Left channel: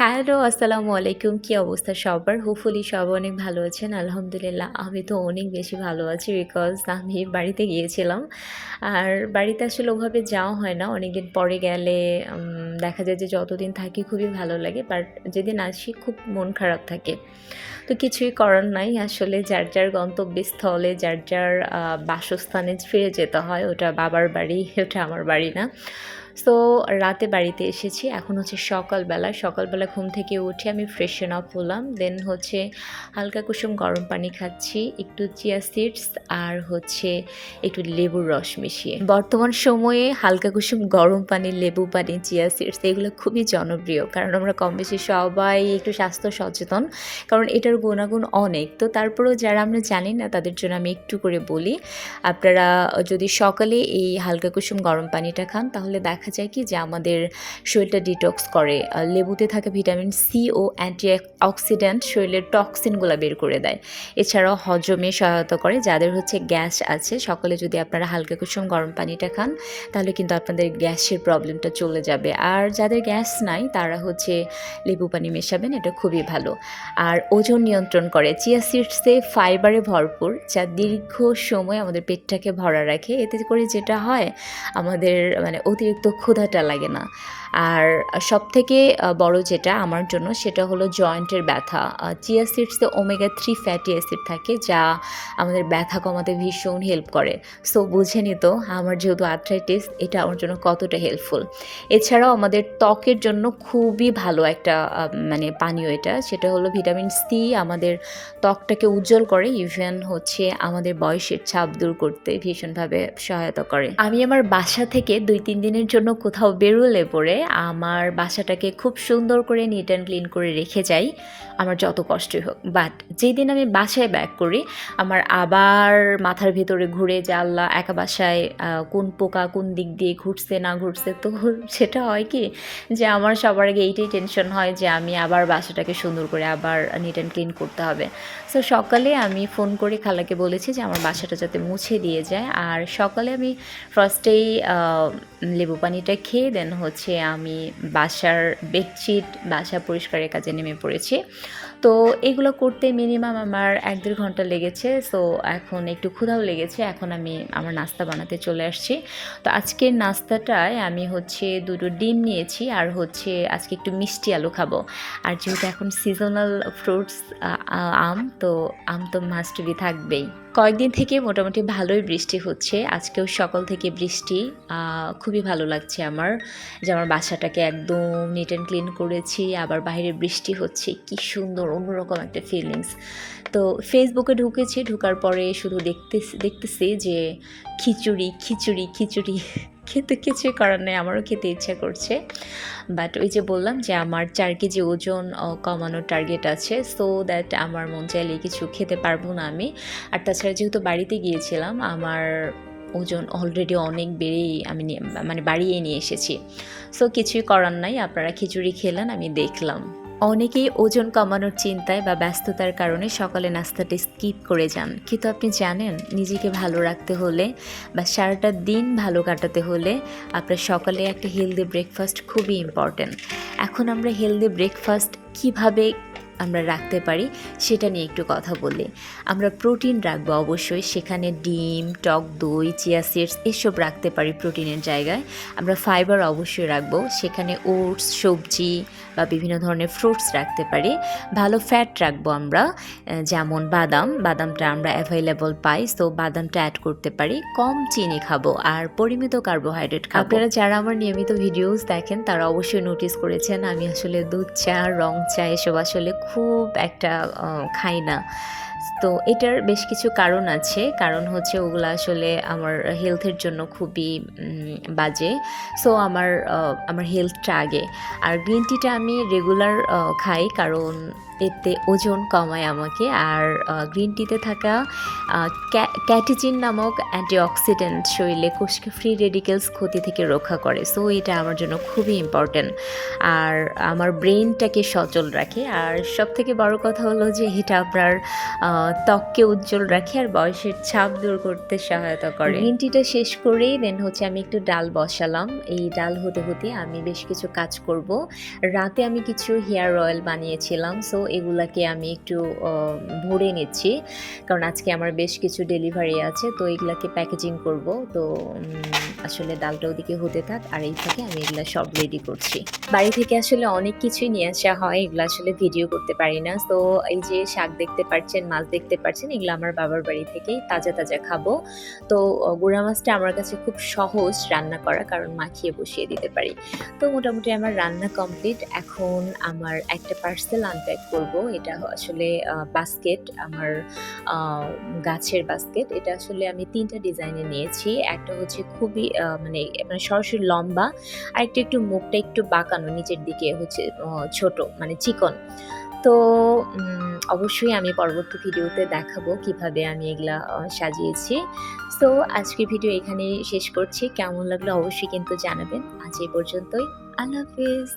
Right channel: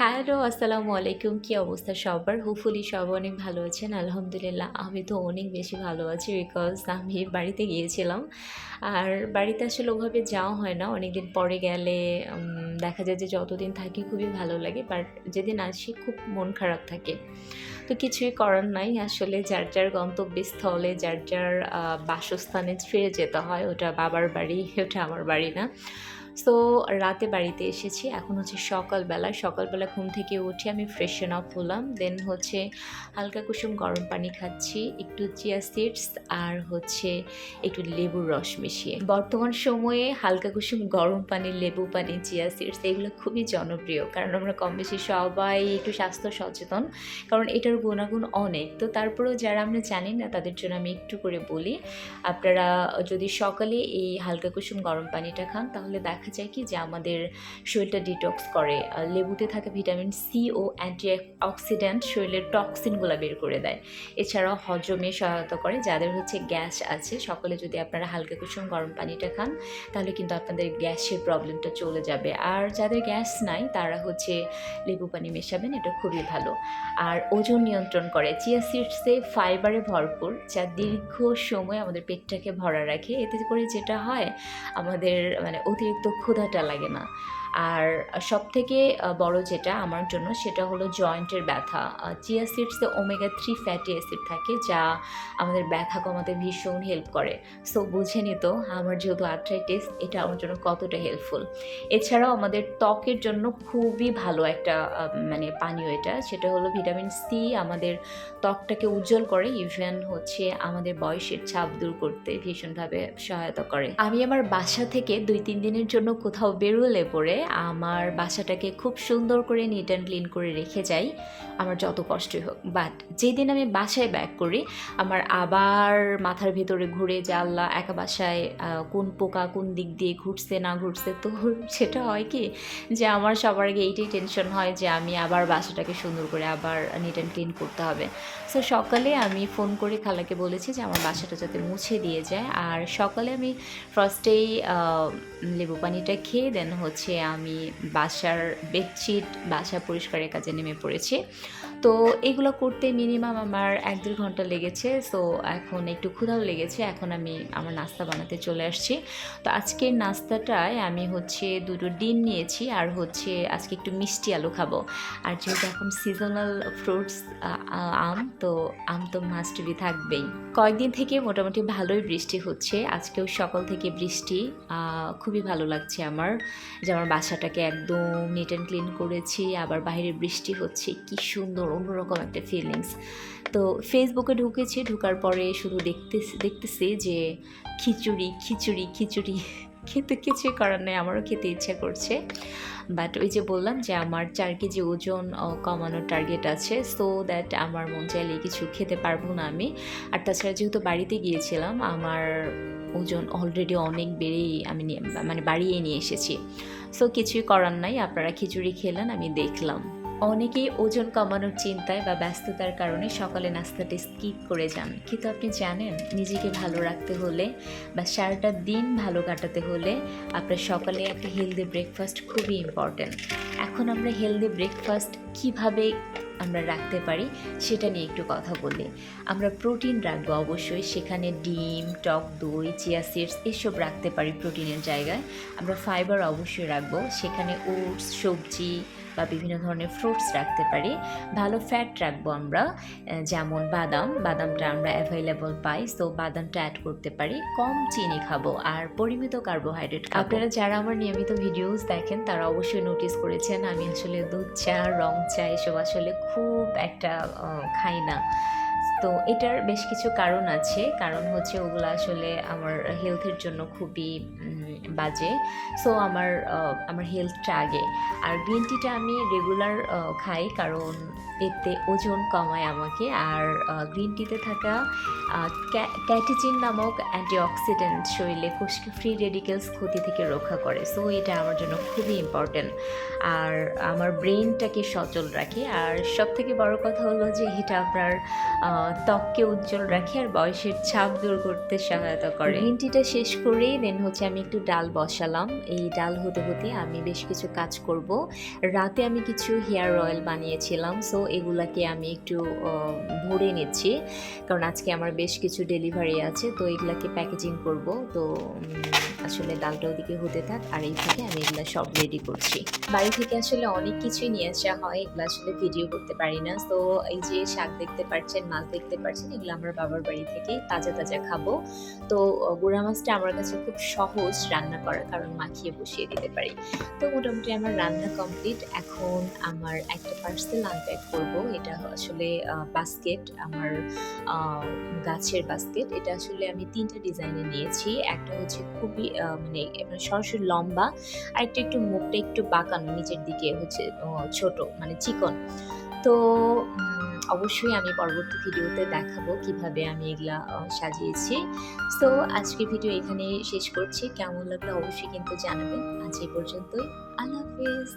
Hello, আসসালামু আলাইকুম। কি অবস্থা সবার? হোপফুলি সবাই অনেক ভালো আছেন। আলহামদুলিল্লাহ আমি তো অনেক বেশি ভালো আছি বিকজ আমি বাড়িতে গিয়েছিলাম। আর বাড়িতে আসলে ওভাবে যাওয়া হয় না। অনেকদিন পরে গেলে দেখা যায় যে যতদিন থাকি খুবই ভালো লাগে। বাট যেদিন আসি খুব মন খারাপ থাকে। তো কিছুই করার নাই। আসলে যার, যার গন্তব্যস্থলে যার, যার বাসস্থানে ফিরে যেতে হয়। ওটা বাবার বাড়ি, ওটা আমার বাড়ি না। সো রাতে বাড়িতে এসেছি। এখন হচ্ছে সকালবেলা। সকালবেলা ঘুম থেকে উঠে আমি ফ্রেশন আপ হলাম। দেন হচ্ছে হালকা কুসুম গরম পানি খাচ্ছি, একটু চিয়া সিডস আর হচ্ছে একটু লেবুর রস মিশিয়ে। বর্তমান সময়ে হালকা কুসুম গরম পানি, লেবু পানি, চিয়া সিডস এগুলো খুবই জনপ্রিয়। কারণ আমরা কমবেশি সবাই একটু স্বাস্থ্য সচেতন। কারণ এটার গুণাগুণ অনেক। তো তারপরেও যারা আমরা জানি না তাদের জন্য আমি একটু করে বলি। আপনারা যদি সকালে এই হালকা কুসুম গরম পানিটা খান তাহলে দেখা যায় কি যে আমাদের শরীরটা ডিটক্স করে। লেবুতে থাকা ভিটামিন সি ও অ্যান্টি অক্সিডেন্ট শরীরের টক্সিনগুলো বের করে দেয়। এছাড়াও হজমে সহায়তা করে। যাদের হচ্ছে গ্যাস আছে সকালে যদি আপনারা হালকা কুসুম গরম পানিটা খান তাহলে কিন্তু আপনাদের গ্যাসের প্রবলেমটা চলে যাবে। আর যাদের গ্যাস নাই তারা হচ্ছে লেবু পানি মেশাবেন, এটা খুবই ভালো। আর ওজন নিয়ন্ত্রণ করে। চিয়া সিডসে ফাইবারে ভরপুর যা দীর্ঘ সময় আমাদের পেটটাকে ভরা রাখে। এতে করে যেটা হয় আমাদের অতিরিক্ত ক্ষুধাটা লাগে না। আর সবথেকে বড় যেটা আমার জন্য সেটা হলো জয়েন্টের ব্যথা। চিয়া সিডসে ওমেগা 3 ফ্যাটি অ্যাসিড থাকে যা আমাদের ব্যথা কমাতে ভীষণ হেল্প করে। সো বুঝেনি তো আমার যেহেতু আর্থ্রাইটিস এটা আমার জন্য কতটা হেল্পফুল। এছাড়াও আমাদের ত্বকের জন্য খুবই ভালো একটা পানীয় এটা। সেটা হলো ভিটামিন সি আমাদের ত্বকটাকে উজ্জ্বল করে। ইভেন হচ্ছে আমাদের বয়সের ছাপ দূর করতে ভীষণভাবে সহায়তা করে। আমি আমার বাসা থেকে ২-৩ দিনের জন্য কোথাও বেরোলে পরে আমার বাসাটাকে খুব সুন্দর করে নিট অ্যান্ড ক্লিন করে রেখে যাই, আমার যত কষ্টই হোক। বাট যেদিন আমি বাসায় ব্যাক করি আমার আবার মাথার ভেতরে ঘুরে যে আল্লাহ একা বাসায় কোন পোকা কোন দিক দিয়ে ঘুরছে না ঘুরছে। তো সেটা হয় কি যে আমার সবার আগে এইটাই টেনশন হয় যে আমি আবার বাসাটাকে সুন্দর করে আবার নিট অ্যান্ড ক্লিন করতে হবে। সো সকালে আমি ফোন করে খালাকে বলেছি যে আমার বাসাটা যাতে মুছে দিয়ে যায়। আর সকালে আমি ফার্স্টেই লেবু পানিটা খেয়ে দেন হচ্ছে আমি বাসার বেডশিট বাসা পরিষ্কারের কাজে নেমে পড়েছি। তো এগুলো করতে মিনিমাম আমার ১-১.৫ ঘন্টা লেগেছে। সো এখন একটু ক্ষুধাও লেগেছে। এখন আমি আমার নাস্তা বানাতে চলে আসছি। তো আজকের নাস্তাটায় আমি হচ্ছে ২টো ডিম নিয়েছি আর হচ্ছে আজকে একটু মিষ্টি আলু খাবো। আর যেহেতু এখন সিজনাল ফ্রুটস আম তো মাস্ট বি থাকবেই। কয়েকদিন থেকে মোটামুটি ভালোই বৃষ্টি হচ্ছে। আজকেও সকাল থেকে বৃষ্টি। খুবই ভালো লাগছে আমার যে আমার বাসাটাকে একদম নিট অ্যান্ড ক্লিন করেছি। আবার বাইরে বৃষ্টি হচ্ছে। কি সুন্দর অন্যরকম একটা ফিলিংস। তো ফেসবুকে ঢুকেছি। ঢোকার পরে শুধু দেখতেছি যে খিচুড়ি, খিচুড়ি, খিচুড়ি। কিন্তু কিছুই করার নেই, আমারও খেতে ইচ্ছা করছে। বাট ওই যে বললাম যে আমার ৪ কেজি ওজন কমানোর টার্গেট আছে। সো দ্যাট আমার মন চাইলে কিছু খেতে পারবো না আমি। আর তাছাড়া যেহেতু বাড়িতে গিয়েছিলাম আমার ওজন অলরেডি অনেক বেড়েই আমি বাড়িয়ে নিয়ে এসেছি। সো কিছুই করার নাই, আপনারা খিচুড়ি খেলেন আমি দেখলাম। অনেকেই ওজন কমানোর চিন্তায় বা ব্যস্ততার কারণে সকালে নাস্তাটি স্কিপ করে যান। কিন্তু আপনি জানেন নিজেকে ভালো রাখতে হলে বা সারাটা দিন ভালো কাটাতে হলে আপনার সকালে একটা হেলদি ব্রেকফাস্ট খুবই ইম্পর্ট্যান্ট। এখন আমরা হেলদি ব্রেকফাস্ট কিভাবে আমরা রাখতে পারি সেটা নিয়ে একটু কথা বলি। আমরা প্রোটিন রাখবো অবশ্যই, সেখানে ডিম, টক দই, চিয়া সিডস এসব রাখতে পারি প্রোটিনের জায়গায়। আমরা ফাইবার অবশ্যই রাখবো, সেখানে ওটস, সবজি বা বিভিন্ন ধরনের ফ্রুটস রাখতে পারি। ভালো ফ্যাট রাখবো আমরা, যেমন বাদামটা আমরা অ্যাভেলেবল পাই, সো বাদামটা অ্যাড করতে পারি। কম চিনি খাবো আর পরিমিত কার্বোহাইড্রেট খাবো। আপনারা যারা আমার নিয়মিত ভিডিওস দেখেন তারা অবশ্যই নোটিস করেছেন আমি আসলে দুধ চা, রং চা এসব আসলে খুব একটা খাই না। তো এটার বেশ কিছু কারণ আছে। কারণ হচ্ছে ওগুলো আসলে আমার হেলথের জন্য খুবই বাজে। সো আমার হেলথটা আগে। আর গ্রিন টিটা আমি রেগুলার খাই কারণ এতে ওজন কমায় আমাকে। আর গ্রিন টিতে থাকা ক্যাটিচিন নামক অ্যান্টিঅক্সিডেন্ট শরীরে কোষকে ফ্রি রেডিকেলস ক্ষতি থেকে রক্ষা করে। সো এটা আমার জন্য খুবই ইম্পর্ট্যান্ট। আর আমার ব্রেনটাকে সচল রাখে। আর সবথেকে বড় কথা হলো যে এটা আপনার ত্বককে উজ্জ্বল রাখে আর বয়সের ছাপ দূর করতে সহায়তা করে। গ্রিন টিটা শেষ করেই দেন হচ্ছে আমি একটু ডাল বসালাম। এই ডাল হতে হতে আমি বেশ কিছু কাজ করব। রাত রাতে আমি কিছু হেয়ার অয়েল বানিয়েছিলাম। সো এগুলাকে আমি একটু অ ভরে নিচ্ছি। কারণ আজকে আমার বেশ কিছু ডেলিভারি আছে। তো এগুলাকে প্যাকেজিং করব। তো আসলে ডালটা ওদিকে হতে থাক আর এই ফাঁকে আমি এগুলা সব রেডি করছি। বাড়ি থেকে আসলে অনেক কিছুই নিয়ে আসা হয়। এগুলো আসলে ভিডিও করতে পারি না। সো এই যে শাক দেখতে পাচ্ছেন, মাছ দেখতে পাচ্ছেন, এগুলো আমার বাবার বাড়ি থেকেই তাজা, তাজা খাবো। তো গুড়া মাছটা আমার কাছে খুব সহজ রান্না করা কারণ মাখিয়ে বসিয়ে দিতে পারি। তো মোটামুটি আমার রান্না কমপ্লিট। এখন আমার একটা পার্সেল আনপ্যাক করব। এটা আসলে বাস্কেট আমার আ গাছের বাস্কেট। এটা আসলে আমি ৩ টা ডিজাইনের নিয়েছি। একটা হচ্ছে খুবই মানে সরাসরি লম্বা, আরেকটা একটু মুখটা একটু বাঁকানো নিচের দিকে হচ্ছে ছোট মানে চিকন। তো অবশ্যই আমি পরবর্তী ভিডিওতে দেখাবো কিভাবে আমি এগুলা সাজিয়েছি। সো আজকের ভিডিও এখানেই শেষ করছি। কেমন লাগলো অবশ্যই কিন্তু জানাবেন। আজ এই পর্যন্তই। আল্লাহ হাফেজ।